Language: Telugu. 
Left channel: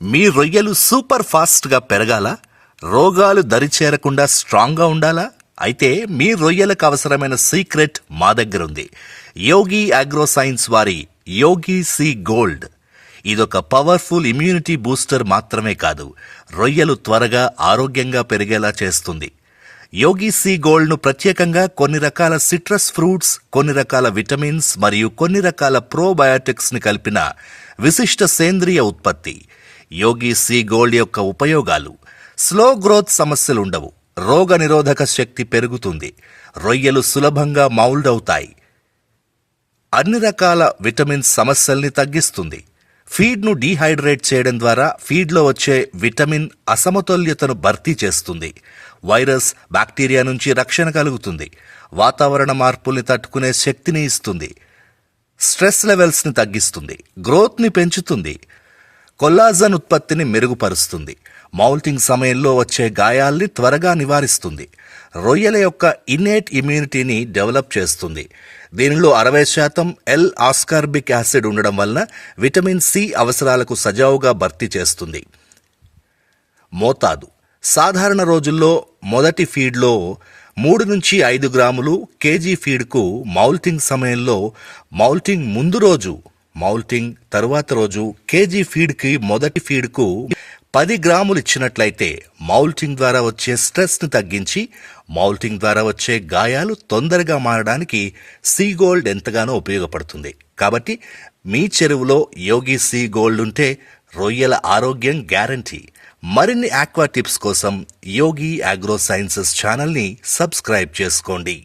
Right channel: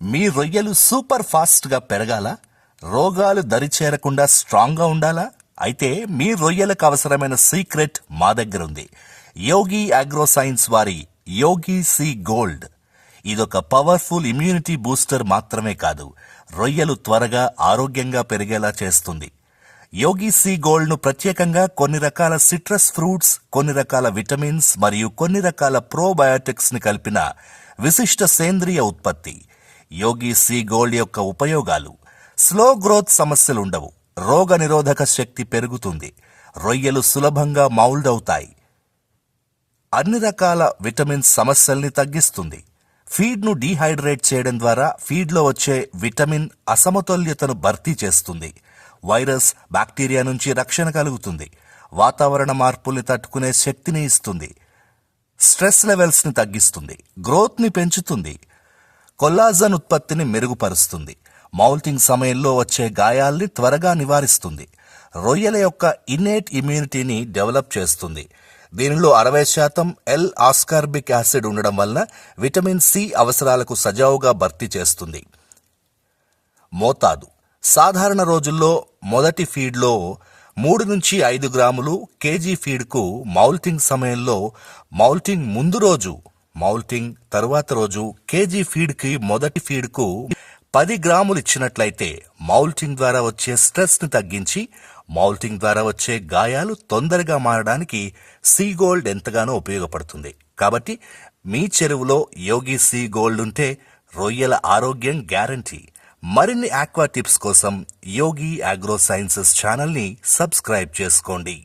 మీ రొయ్యలు సూపర్ ఫాస్ట్గా పెరగాల, రోగాలు దరిచేరకుండా స్ట్రాంగ్గా ఉండాలా? అయితే మీ రొయ్యలకు అవసరమైన సీక్రెట్ మా దగ్గర ఉంది. యోగి అగ్రో సైన్స్ వారి యోగి సీ గోల్డ్. ఇదొక పవర్ఫుల్ ఇమ్యూనిటీ బూస్టర్ మాత్రమే కాదు, రొయ్యలు త్వరగా ఆరోగ్యంగా పెరిగేలా చేస్తుంది. యోగి సీ గోల్డ్ను ప్రత్యేకంగా కొన్ని రకాల సిట్రస్ ఫ్రూట్స్, కొన్ని రకాల విటమిన్స్ మరియు కొన్ని రకాల ప్రోబయాటిక్స్ని కలిపిన విశిష్ట సేంద్రియ ఉత్పత్తి. యోగి సీ గోల్డ్ యొక్క ఉపయోగాలు: స్లో గ్రోత్ సమస్యలుండవు, రోగ నిరోధక శక్తి పెరుగుతుంది, రొయ్యలు సులభంగా మౌల్డ్ అవుతాయి, అన్ని రకాల విటమిన్స్ సమస్యల్ని తగ్గిస్తుంది, ఫీడ్ను డీహైడ్రేట్ చేయడం ద్వారా ఫీడ్లో వచ్చే విటమిన్ అసమతుల్యతను భర్తీ చేస్తుంది, వైరస్ బ్యాక్టీరియా నుంచి రక్షణ కలుగుతుంది, వాతావరణ మార్పుల్ని తట్టుకునే శక్తిని ఇస్తుంది, స్ట్రెస్ లెవెల్స్ని తగ్గిస్తుంది, గ్రోత్ని పెంచుతుంది, కొల్లాజన్ ఉత్పత్తిని మెరుగుపరుస్తుంది, మౌల్టింగ్ సమయంలో వచ్చే గాయాల్ని త్వరగా నివారిస్తుంది, రొయ్యల యొక్క ఇన్నేట్ ఇమ్యూనిటీని డెవలప్ చేస్తుంది. దీనిలో 60% ఎల్ ఆస్కార్బిక్ యాసిడ్ ఉండడం వలన విటమిన్ సి అవసరాలకు సజావుగా భర్తీ చేస్తుంది. మోతాదు: సాధారణ రోజుల్లో మొదటి ఫీడ్లో 3 నుంచి 5 గ్రాములు కేజీ ఫీడ్కు, మౌల్టింగ్ సమయంలో మౌల్టింగ్ ముందు రోజు, మౌల్టింగ్ తరువాత రోజు కేజీ ఫీడ్కి మొదటి ఫీడ్కు 10 గ్రాములు ఇచ్చినట్లయితే మౌల్టింగ్ ద్వారా వచ్చే స్ట్రెస్ని తగ్గించి మౌల్టింగ్ ద్వారా వచ్చే గాయాలు తొందరగా మారడానికి సీ గోల్డ్ ఎంతగానో ఉపయోగపడుతుంది. కాబట్టి మీ చెరువులో యోగి సీ గోల్డ్ ఉంటే రొయ్యల ఆరోగ్యం గ్యారంటీ. మరిన్ని ఆక్వా టిప్స్ కోసం యోగి అగ్రో సైన్సెస్ ఛానల్ని సబ్స్క్రైబ్ చేసుకోండి.